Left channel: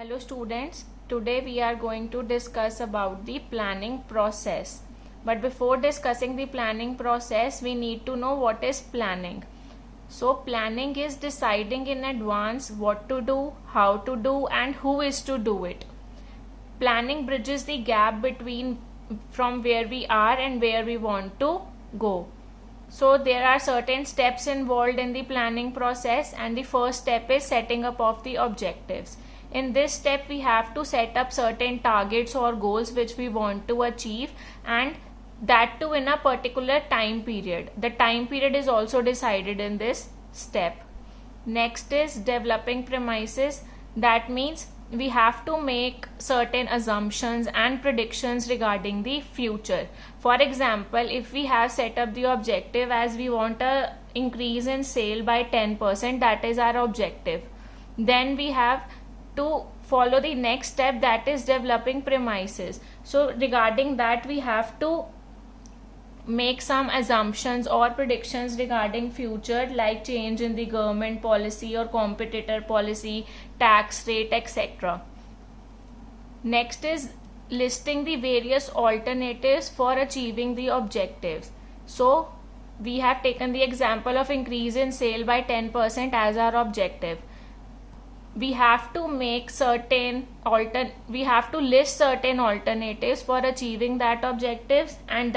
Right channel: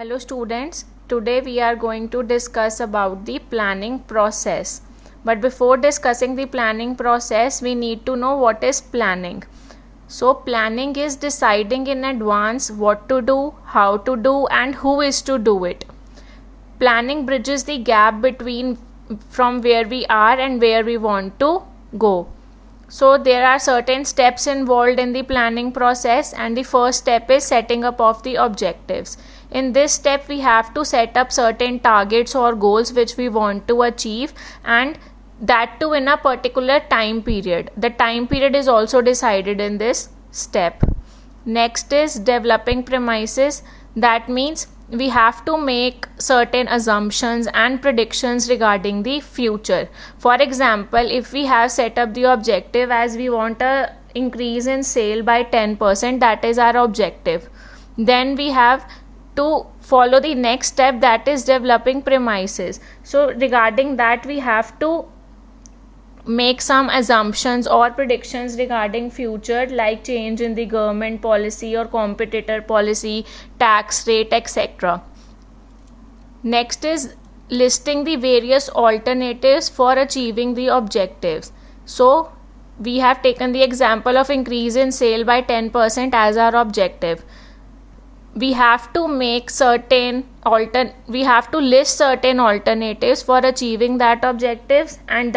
Hello students, today we are going to discuss about the planning process. But before discussing the planning process, we need to know what is planning. So planning is deciding in advance what to do, how to do and who is to do it. Planning bridges the gap between from where we are and where we want to go. So there are certain steps involved in the planning process, and the first step is setting up of the objectives. In this step we have to set up certain targets or goals which we want to achieve, and that too in a particular time period. The time period is also decided in this step. Next is developing premises. That means we have to make certain assumptions and predictions regarding the future. For example, if we have set up the objective as we want a increase in sale by 10%, that is our objective, then we have to follow the next step, that is developing premises. So regarding that we have to make some assumptions or predictions regarding future, like change in the government policy or competitor policy, tax rate, etc. Next is listing the various alternatives for achieving the objectives. So we have taken the example of increase in sale by 10% as our objective. We have to make we have to list certain alternatives for achieving that objectives, and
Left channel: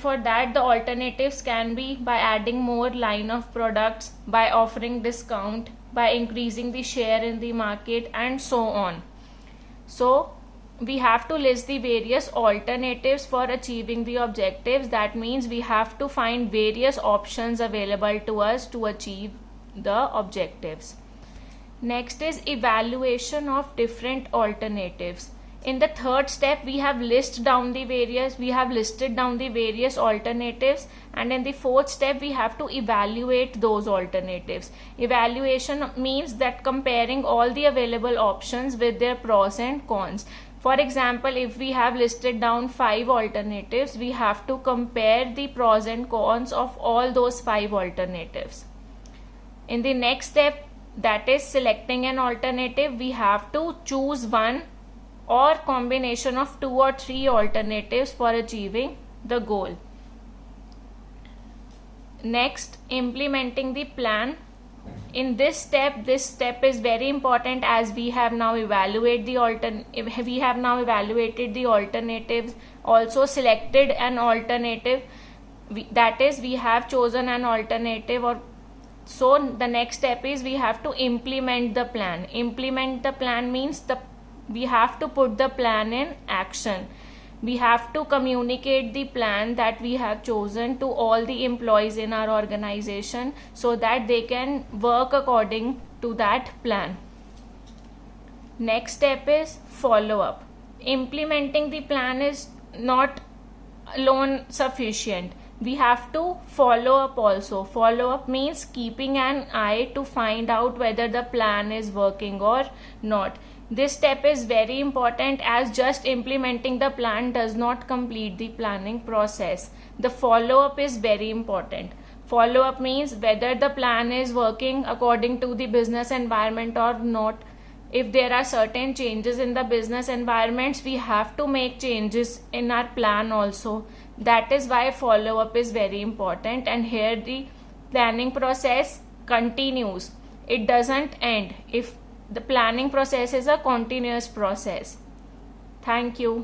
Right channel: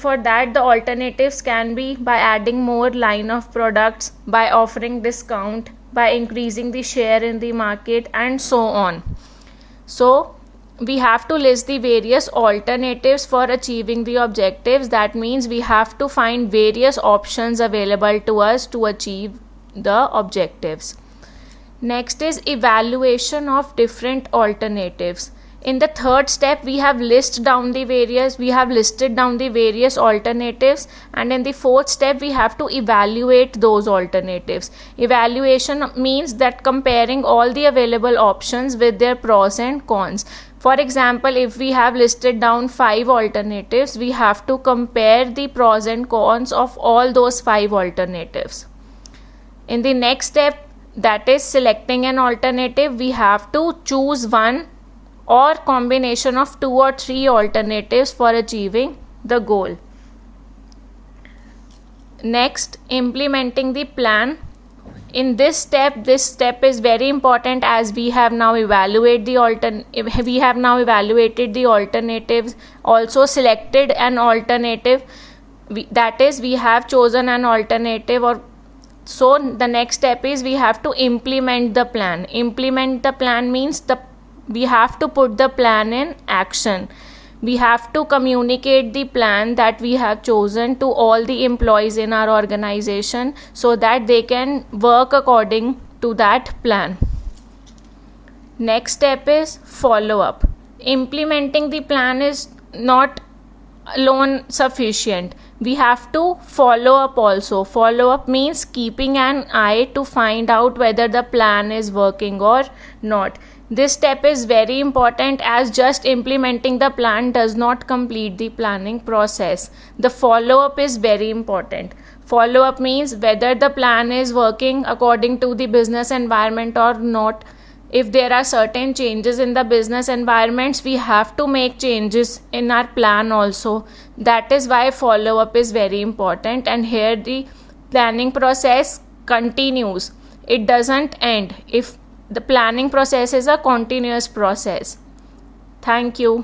for that the alternatives can be by adding more line of products, by offering discount, by increasing the share in the market, and so on. So we have to list the various alternatives for achieving the objectives. That means we have to find various options available to us to achieve the objectives. Next is evaluation of different alternatives. In the third step we have listed down the various alternatives, and in the fourth step we have to evaluate those alternatives. Evaluation means that comparing all the available options with their pros and cons. For example, if we have listed down 5 alternatives, we have to compare the pros and cons of all those 5 alternatives. In the next step, that is selecting an alternative, we have to choose one or combination of 2 or 3 alternatives for achieving the goal. Next, implementing the plan. In this step is very important, as we have now evaluated the alternatives, also selected an alternative, that is we have chosen an alternative, or so the next step is we have to implement the plan. Implement the plan means we have to put the plan in action. We have to communicate the plan that we have chosen to all the employees in our organization, so that they can work according to that plan. Next step is follow up. Implementing the plan is not alone sufficient. We have to follow up also. Follow up means keeping an eye to find out whether the plan is working or not. This step is very important, as just implementing the plan does not complete the planning process. The follow up is very important. Follow up means whether the plan is working according to the business environment or not. If there are certain changes in the business environments, we have to make changes in our plan also. That is why follow up is very important, and here the planning process continues. It doesn't end. If the planning process is a continuous process. Thank you.